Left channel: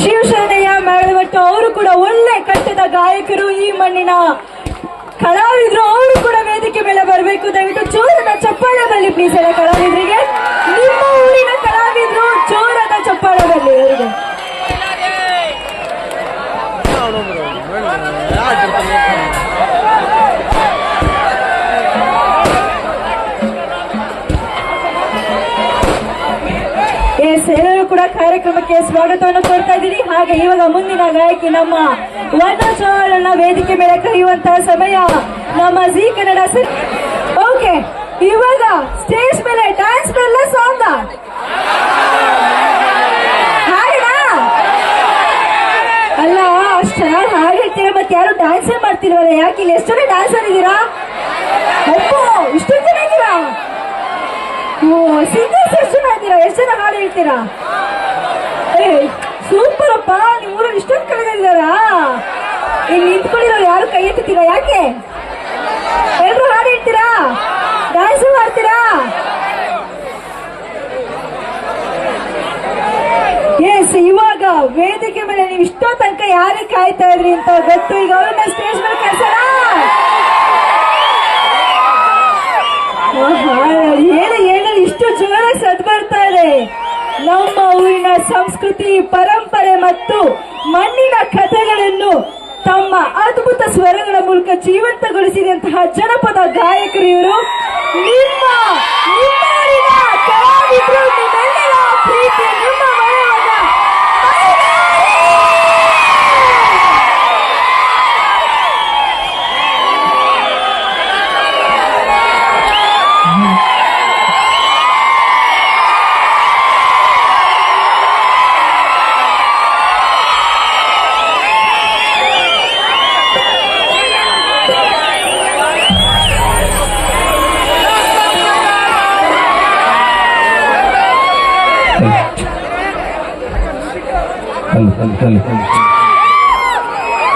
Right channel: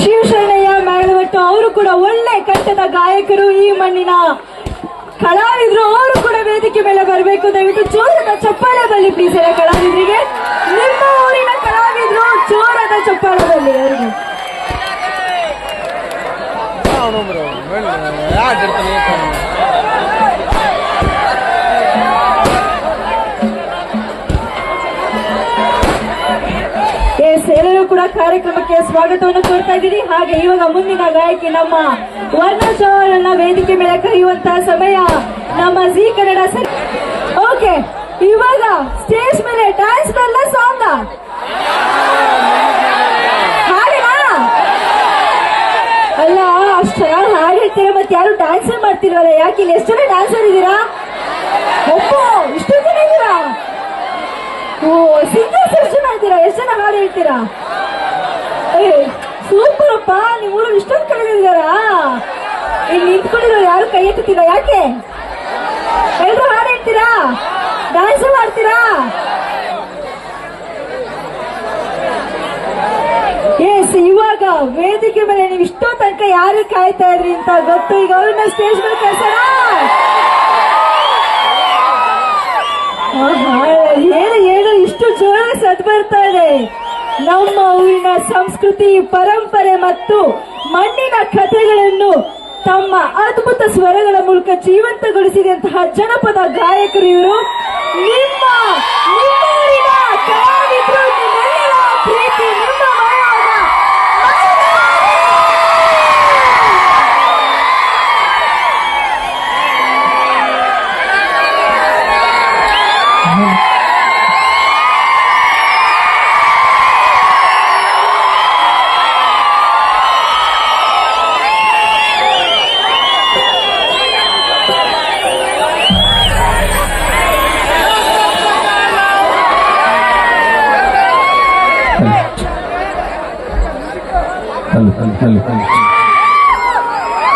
ಶಿವಶರಣಯ್ಯ ಮೇಳವಟ್ಟು ಅವರು ಕೂಡ ಒಳ್ಳೆ ಕಟ್ಟದ ಗಾಯಕರು, ಈ ಮಣ್ಣಿನ ಕಲಾವಿದರು. ಅವರು ಕೂಡ ವೇದಿಕೆ ಮೇಲೆ ಬರಬೇಕು. ದಯವಿಟ್ಟು ಜೋರದ ಚಪ್ಪಾಳದಲ್ಲಿ ಪ್ಲೀಸ್ ಎಲ್ಲ ಕಲಾವಿದರಿಗೆ. ನಿಮ್ಮ ಊರಿನ ಕಲಾವಿದರು ಜೋರದ ಚಪ್ಪಾಳದಲ್ಲಿ ಅವರಿಗೆ. ಎಲ್ಲರೂ ಕೂಡ ಕಾರ್ಯಕ್ರಮಕ್ಕೆ ಸ್ವಾಗತವನ್ನು ಕೋರ್ತಾ ಇದ್ದೀರಿ. ಹಾಗೆ ಇವಾಗ ಮುಂದಿನ ಗಾಯಕಿ ನಮ್ಮ ವರ್ಣಚೋರನ ವೇದಿಕೆ ಮೇಲೆ ಕರೆಯುವಂತಹ ಸಮಯ ನಮ್ಮ ಜಿ ಕನ್ನಡ ಸರ್. ಓಕೆ, ಇವಾಗ ಸ್ಟೇಜ್ ಮೇಲೆ ಡ್ಯಾನ್ಸ್ ಬರಲ್ಲ, ಸಾಂಗ್ ಹಾಡಿನಾ ಅಲ್ಲ, ಅಷ್ಟು ಚೆನ್ನಾಗಿ ಹಾಡು ಹೇಳ್ತೀರಾ, ಮತ್ತೆ ಯಾರು ಡ್ಯಾನ್ಸ್ ಮಾಡ್ತಿರಲ್ಲ, ಯಾಕೆ ಇಲ್ಲಿ ಎಷ್ಟು ಜನ ಡ್ಯಾನ್ಸರ್ ಇದ್ದೀರಾ? ಇಷ್ಟು ಜನ ಇದ್ದೀರಾ? ಸಿಂಗರ್ಸ್ ಎಷ್ಟು ಜನ ಇದ್ದೀರಾ? ಎಷ್ಟು ಜನ ಹಾಡು ಹೇಳ್ತೀರಾ? ಸೂಪರ್ ಅಪ್ಪ, ನಿಮ್ಮ ಊರಲ್ಲಿ ಇಷ್ಟೊಂದು ಕಡೆ ಇದ್ದಾರಾ? ಇಲ್ಲಿ ನಿಂತ್ಕೊಂಡಿರೋ ಯಾರು ಕೈ ಎತ್ತುತ್ತೀರಾ? ಯಾಕೆ ಎಲ್ಲರೂ ಹಾಡು ಹೇಳ್ತೀರಾ? ಡ್ಯಾನ್ಸ್ ಮಾಡ್ತೀರಾ? ಎಸ್, ಇವಾಗ ವೇದಿಕೆ ಮೇಲೆ ನೀವು ಇಷ್ಟೋ ತನಕ ಯಾರಿಗೆ ಕಾಯ್ತಾ ಇದ್ರಿ ಅಂತ ಗೊತ್ತು. ಈಗ ಅವ್ರನ್ನ ಸ್ಟೇಜ್ ಮೇಲೆ ಕಳ್ಸೋಣ. ಏನು ಇಷ್ಟು ಜೋರ ಸದ್ ಬರ್ತಾ ಇದೆ. ನಮ್ಮ ಊರಿನ ಸಂಸ್ಕೃತಿ, ಪರಂಪರೆ ಮತ್ತು ಮಣ್ಣಿನ ಕಥೆಗಳನ್ನು ತಮ್ಮ ಅದ್ಭುತ ಸ್ವರಗಳ ಮೂಲಕ ಜೀವಂತಗೊಳಿಸಿದಂತಹ ಜನಪದ ಗಾಯಕರು ಇವರು. ನಿಮ್ಮ ಊರಿನ ಕಲಾವಿದರು, ನಿಮ್ಮೆಲ್ಲರ ಪ್ರೀತಿ, ನಿಮ್ಮ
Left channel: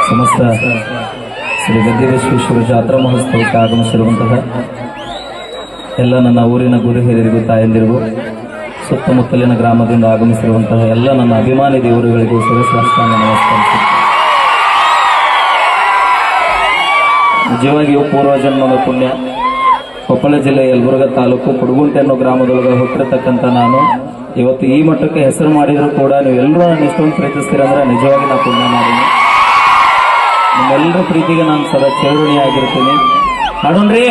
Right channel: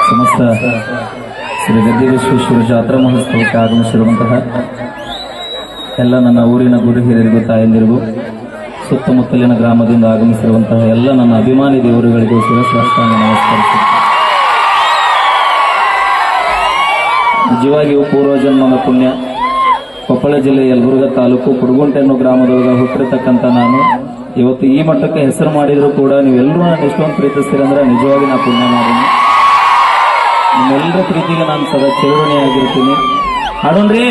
ಸಮಸ್ತ ಶ್ರೀ ಗದ್ದಿವಿಶ್ವೇಶ್ವರ ಜಾತ್ರಾ ಮಹೋತ್ಸವಕ್ಕೆ ಆಗಮಿಸಿರುವಂತಹ ಎಲ್ಲ ನನ್ನ ಊರಿನ ಗುರು ಹಿರಿಯರಿಗೂ, ತಾಯಂದಿರಿಗೂ, ಸುತ್ತಮುತ್ತಲಿನ ಗ್ರಾಮದಿಂದ ಆಗಮಿಸಿರುವಂತಹ ಎಲ್ಲ ನನ್ನ ಅಭಿಮಾನಿ ದೇವರುಗಳಿಗೂ ಶಿವಸಾಷ್ಟಾಂಗ ನಮಸ್ಕರಿಸಿ, ನಿಜವಾಗಿಯೂ ಪೂರ್ವಜನ್ಮದ ಪುಣ್ಯ. ಕೊಪ್ಪಳ ಜಿಲ್ಲೆ ಯಲಬುರ್ಗಾ ತಾಲೂಕು ಕುಡಗುಂಟೆ ಅನ್ನೋ ಗ್ರಾಮದೊಳಗೆ ಹುಟ್ಟಿರ್ತಕ್ಕಂಥ ನಾನು ಇವತ್ತು ಈ ಮಟ್ಟಕ್ಕೆ ಹೆಸರು ಮಾಡಿದ್ರು ಕೂಡ ನೀವೆಲ್ಲರೂ ನಾನು ಎಷ್ಟೊಂದು ಪ್ರೀತಿಸ್ತೀರಂದ್ರೆ ನಿಜವಾಗಿ ನಾ ಪುಣ್ಯ ಮಾಡೀನಿ. ನಿಮ್ಮೆಲ್ಲರ ಪ್ರೀತಿಗೆ ನಾನು ಸದಾ ಚಿರಋಣಿಯಾಗಿರ್ತೀನಿ. ಹಾಡೋಣ್ರಿ.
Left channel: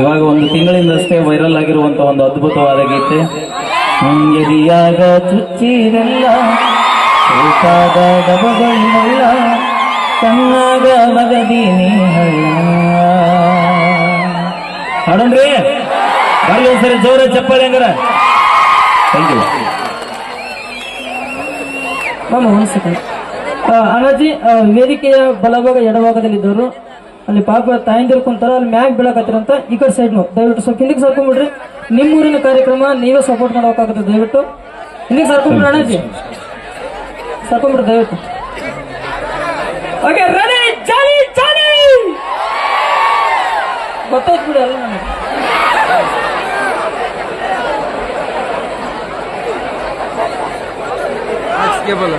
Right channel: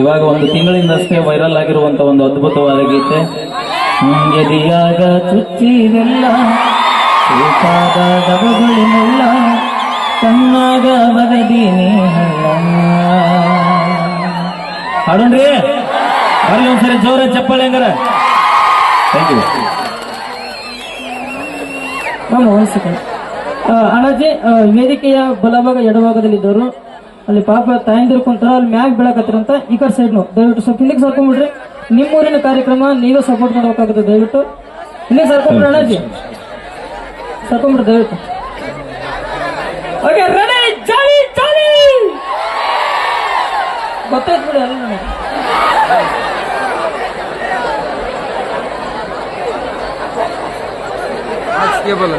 ಇವಾಗ ಒಂದು ತಿಂಗಳಿಂದಷ್ಟೇ ವೈರಲ್ ಆಗಿರುವಂತ ಒಂದು ಅದ್ಭುತವಾದ ಗೀತೆ, ಎದೆಯಾಗ ಚುಚ್ಚಿರಿಲ್ಲ, ಚೂಟಾದ ಡಬಗಳಿಲ್ಲ, ಕಣ್ಣಾಗ ಮಗದೀನಿ ಹಾಡೋಣ್ರಿ. ಬರ್ಲಿ ಒಂದ್ಸರಿ ಜೋರ ಚಪ್ಪಾಳೆ ಹಂಗಾರ. Thank you. ಒಂದು ಸೆಕೆಂಡ್ ಅಣ್ಣಾಜಿ, ವೇದಿಕೆಯ ಬಲಭಾಗ ಎಡಭಾಗದಲ್ಲಿದ್ದವರು ಅಲ್ಲಿ ಪಾಪ ತಾಯಂದಿರು ಕುಂತಾರ, ಅಲ್ಲಿ ಮ್ಯಾಗ್ ಬೀಳಕತ್ತಿರಂತ ಈ ಕಡೆ ಸೈಡ್ ದಯವಿಟ್ಟು ಸ್ವಲ್ಪ ಹಿಂದಿಗೆ ಸರ್ಕೊಂಡ್ಬಿಡ್ರಿ. ನಿಮ್ಮೂರಿನ ಕಾರ್ಯಕ್ರಮ ನೀವೇ ಸಪೋರ್ಟ್ ಮಾಡಬೇಕಾಗುತ್ತೆ. ದಯವಿಟ್ಟು ಹಿಂದಿಗೆ ಸರ್ಕೊಂಡ್ಬಿಡ್ರಿ ಅಣ್ಣಾಜಿ, ಸರ್ಕೊಂಡ್ಬಿಡ್ರಿ ದಯವಿಟ್ಟು. ಓಕೆ, ರೆಡಿ, ಚಾಲಿ ಚಾಲಿ. ಗೊತ್ತಾಯ್ತು ಬಿಡಿ ಅಲ್ಲ ನಮಗೆ. आज क्या बोला?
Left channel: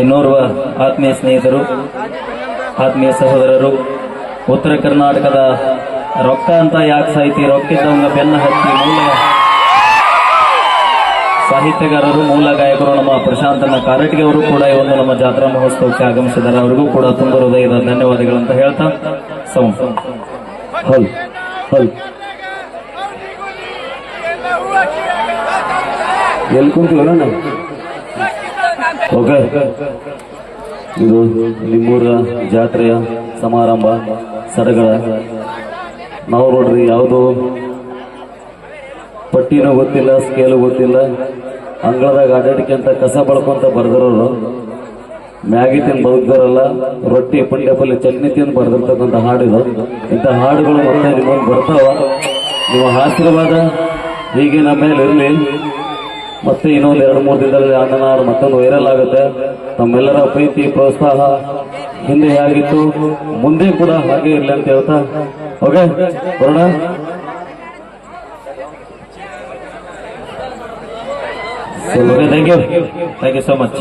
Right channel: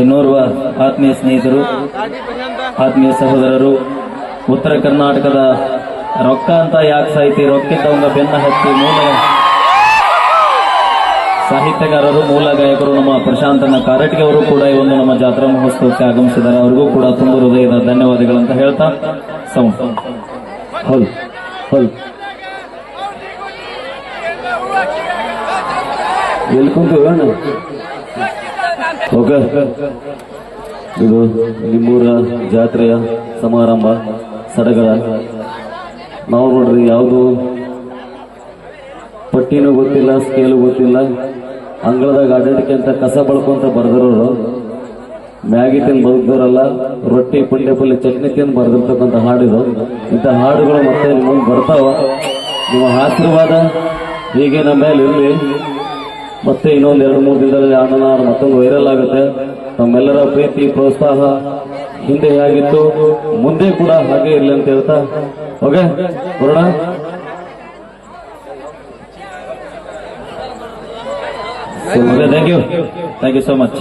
ಇನ್ನೋರ್ವ ಆತ್ಮೀಯ ಸ್ನೇಹಿತರು, ಆತ್ಮೀಯ ಸಹೋದರರು, ಉತ್ತರ ಕರ್ನಾಟಕದ ರೊಕ್ಕ ಅಂತ ಯಾಕೆ ಸಾಹಿತಿ, ರೊಕ್ಕಿದ್ದವಂಗ ಬೆನ್ನ ಹತ್ತಿ ಮೂಲ ಸಾಹಿತ್ಯಗಾರರು, ಮೂಲ ಗಾಯಕರು ನಮ್ಮ ಪ್ರಶಾಂತನ ಕಾರಟಗಿ ಅವರು ಕೂಡ ಈ ಒಂದು ನಮ್ಮ ಜಾತ್ರಾ ಮಹೋತ್ಸವಕ್ಕೆ ಆಗಮಿಸಿದ್ದಾರೆ. ಅವರಿಗೂ ಕೂಡ ತುಂಬ ಹೃದಯದ ಧನ್ಯವಾದಗಳಂತ ಹೇಳ್ತಾ ಓಕೆ, ಇದು ನಿಮ್ಮೂರ ಜಾತ್ರೆಯ ಸಮಾರಂಭ ಸಡಗರ. ನಾವು ನೋಡ್ರಿ ಯಾವುದು ಪಟ್ಟಿನೂ ಗೊತ್ತಿಲ್ಲ, ಸ್ಕೇಲು ಗೊತ್ತಿಲ್ಲ, ಅಂಗಳದಾಗ ಅಡ್ಡಾಡಿಕೆ ಅಂತ ಕಸ ಬಳ್ಕೊಂತ ಬರ್ದಿರೋರು, ಮ್ಯಾಗಿ ತಿಂದು ಬದುಕ್ತಾರಲ್ಲ, ರೊಟ್ಟಿ ಪುಂಡೆ ಪಲ್ಲೆ ಚಟ್ನಿ ತಿಂದು ಬರ್ದಿರ್ತಕ್ಕಂಥ ಹಾಡಿದ. ಇಂಥ ಹಾಡುಗಳು ಮತ್ತೆ ನಿಮ್ಮಲ್ಲಿ ಬರ್ತಾವ. ನಿಮ್ಮ ಆಶೀರ್ವಾದ ಹೀಗೆ ನಮ್ಮ ಮೇಲೆ ಇರಲಿ. ಮತ್ತೆ ಇನ್ನೊಂದು 2-3 ದಿನದಲ್ಲಿ ಅಣ್ಣನ ಹಾಡು ಮತ್ತೊಂದು ವೈರಲ್ ಆಗುತ್ತೆ. ತಮ್ಮೆಲ್ಲರ ಪ್ರೀತಿ ಪ್ರೋತ್ಸಾಹ ಹಿಂದೆ ಹೇಗಿತ್ತು ಮುಂದೆ ಕೂಡ ಹಾಗೆ ಇರಲಿ ಅಂತ ಹೇಳ್ತಾ ಓಕೆ ಬರೋಣ. Thank you so much.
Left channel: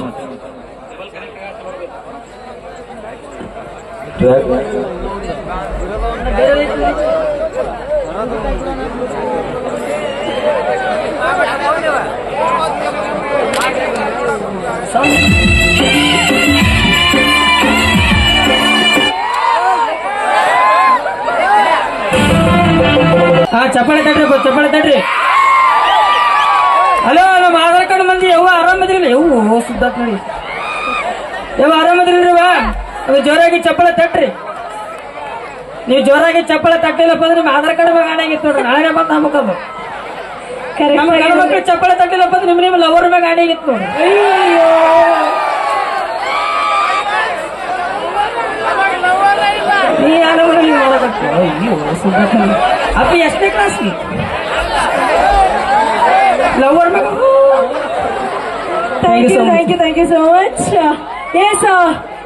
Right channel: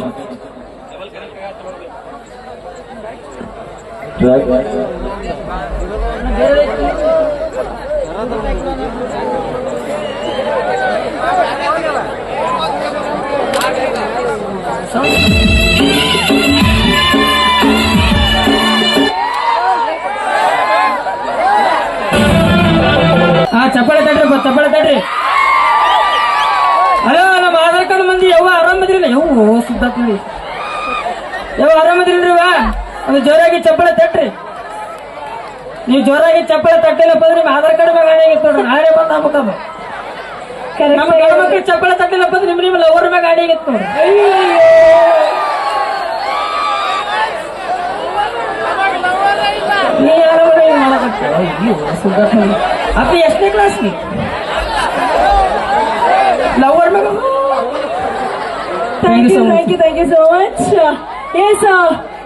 ಚಪ್ಪಾಳೆ ತಟ್ರಿ ಚಪ್ಪಾಳೆ ತಟ್ರಿ. ಹಲೋ ನಮ್ಮ ಆಧಾರ್ ಕಾರ್ಡ್ ಮಂದಿ ಯಾವ ಆರಾಮದ್ರಿಲ್ಲ ಯಾವ ಸುದ್ದಾತ್ ನೋಡಿ ಯಾವ ಆರಾಮದ್ರಿಲ್ರಿ ಅದು ಜೋರಾಗಿ ಚಪ್ಪಾಳೆ ತಟ್ರಿ. ನೀವು ಜೋರಾಗಿ ಚಪ್ಪಾಳೆ ತಟ್ಟಿಲ್ಲಪ್ಪ ಅಂದ್ರೆ ನಿಮ್ಮ ಆಧಾರ್ ಕಾರ್ಡ್ ಮ್ಯಾಗ ಆಗಿತ್ತು ನೋಡ್ರಿ. ನಾಳೆ ಬಂತ ಆಗ್ಬೇಕದು ನಮ್ಮ ಮಕ್ಕಳು ಚಪ್ಪಾಳೆ ತಟ್ಟಿಲ್ಲಪ್ಪ ಅಂದ್ರೆ ನಿಮ್ಮ ಲವರ್ ಮ್ಯಾಗ ಆಗಿತ್ತು ನೋಡ್ರಿ. ಅಪ್ಪಿ ಎಷ್ಟನೇ ಕ್ಲಾಸ್ ಲವರ್ ಮ್ಯಾಗ. Thank you so much. Yes,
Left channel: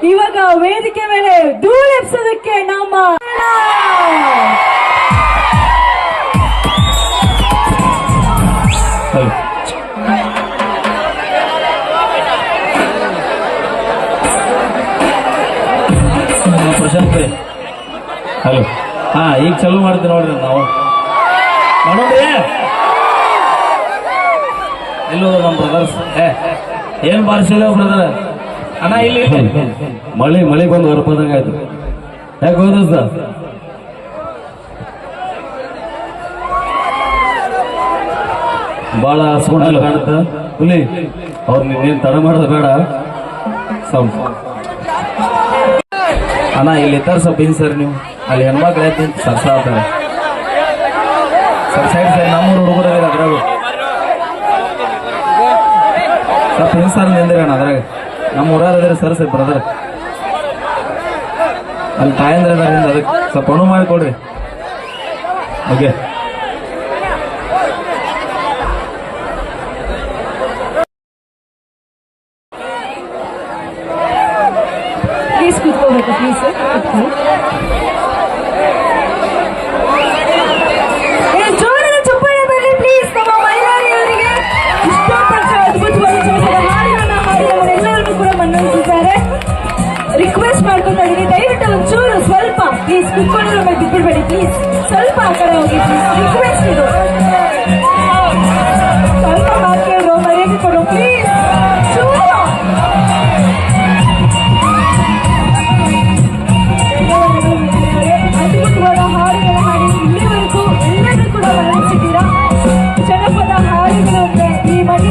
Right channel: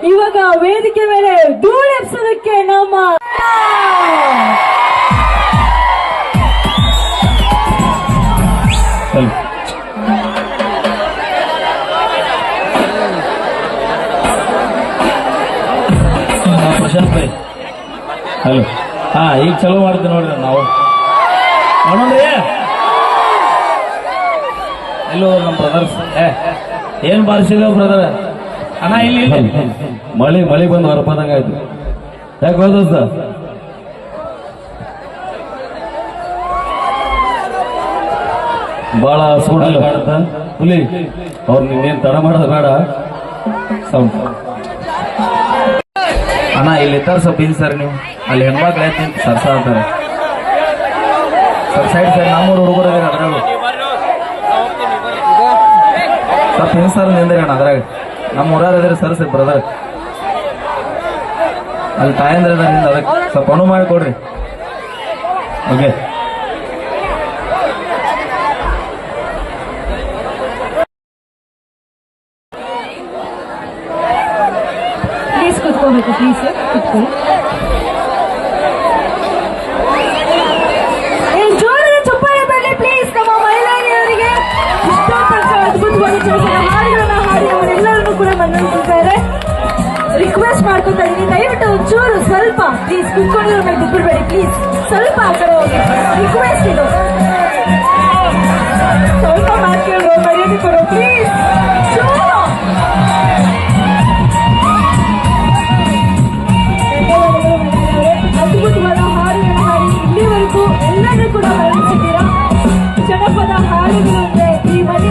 ಇವಾಗ ವೇದಿಕೆ ಮೇಲೆ ಧೂಳೆಪ್ಸೋದಕ್ಕೆ ನಮ್ಮ ಪ್ರಶಾಂತ್ ಹಲೋ. ಹಾ, ಈಗ ಚಲೋ ಮಾಡ್ತೀವಿ ನೋಡ್ರಿ ನಾವು ನೋಡ್ರಿ. ಇಲ್ಲೋ ನಮ್ಮ ಬ್ರದರ್ಸ್ ಏನ್ ಬಾರಿಸಿದ್ರು ಬ್ರದರ್ ಅಣ್ಣ ಇಲ್ಲಿ ಮಳೆ ಬಂದು ಹೊರಪದಂಗ ಆಯ್ತು. ಯಾಕೆ ಹೋದ ಬಾಳ ಸೂಡಲ್ಲ ಕಾಣುತ್ತ ಹುಲಿ. ಅವ್ರು ನಿನ್ನೇನ್ ತಡ ಮಾಡೋದು ಬೇಡ. ಸೌಂಡ್ ಅಣ್ಣ ಇಲ್ಲಿ ಇರ್ತಾರ ಸ್ವಲ್ಪ ಇನ್ ಸರ್ ನೀವು ಅಲ್ಲಿ ಹೆಣ್ಮಕ್ಳು ಐತಿ ಸರ್ಸ ಅಂತಾರೆ ಸರ್ ಸೈಡ್ ಸರ್ ನಮ್ಮೂರು ಹುಡುಗರು ಅದ್ರಾಗ ಸ್ವಲ್ಪ ಇನ್ ಸರ್ ನಿಂದ್ರಿ ಅಣ್ಣ ಅದ್ರಾಗ ನಮ್ಮ ಊರಾರ ಅದ್ರ ಸರ್ ಸರ್ ಬ್ರದರ್ ಅಲ್ಲಿ ತಾಯಂದ್ರ ಅದರಿಂದ ಅದಕ್ಕೆ ಸ್ವಲ್ಪ ಅಣು ಮಾಡಿಕೊಡ್ರಿ. Okay please ಕೂತ್ಕೋಬೇಕು. ಪ್ಲೀಸ್ ಜೋರಾಗಿ ಚಪ್ಪಾಳೆ ಬರಲಿ ಪ್ಲೀಸ್. ನಮ್ಮ ಮಹಿಳೆಯರಿಗೆ ಇಷ್ಟಪಟ್ಟ ಅದ್ಭುತವಾದ ಹಾಡುಗಳನ್ನ ಹಾಡಿ ಅವರೆಲ್ಲರನ್ನು ಕೂಡ ಮನರಂಜಿಸಿದ್ದಾರೆ. ರಿಕ್ವೆಸ್ಟ್ ಮಾಡ್ಕೊತಾ ಇದೀನಿ, ದಯವಿಟ್ಟು ಒಂಚೂರು ಸ್ವಲ್ಪ ಪ್ಲೀಸ್ ಕುತ್ಕೊಂಡಿರೋ ಮೇಲೆ ಬಿದ್ದಿರಬೇಡಿ ಪ್ಲೀಸ್. ಸ್ವಲ್ಪ ಆ ಕಡೆ ಹೋಗಿ ರಿಕ್ವೆಸ್ಟ್ ಇದು. ಸ್ವಲ್ಪ ಮಾತಾಡೋ ಮರ್ಯಾದೆ ಕೊಡೋ ಪ್ಲೀಸ್. ಅದ್ಭುತವಾದ ಹಾಡುಗಳ ಹಾಡಿ ಇಲ್ಲಿವರೆಗೂ ಎಲ್ಲರೂ ಕೂಡ ಮನರಂಜಿಸಿದ್ದೀರಾ. ಜನಪದ ಹಾಡುಗಳು ಈ ಮನೆ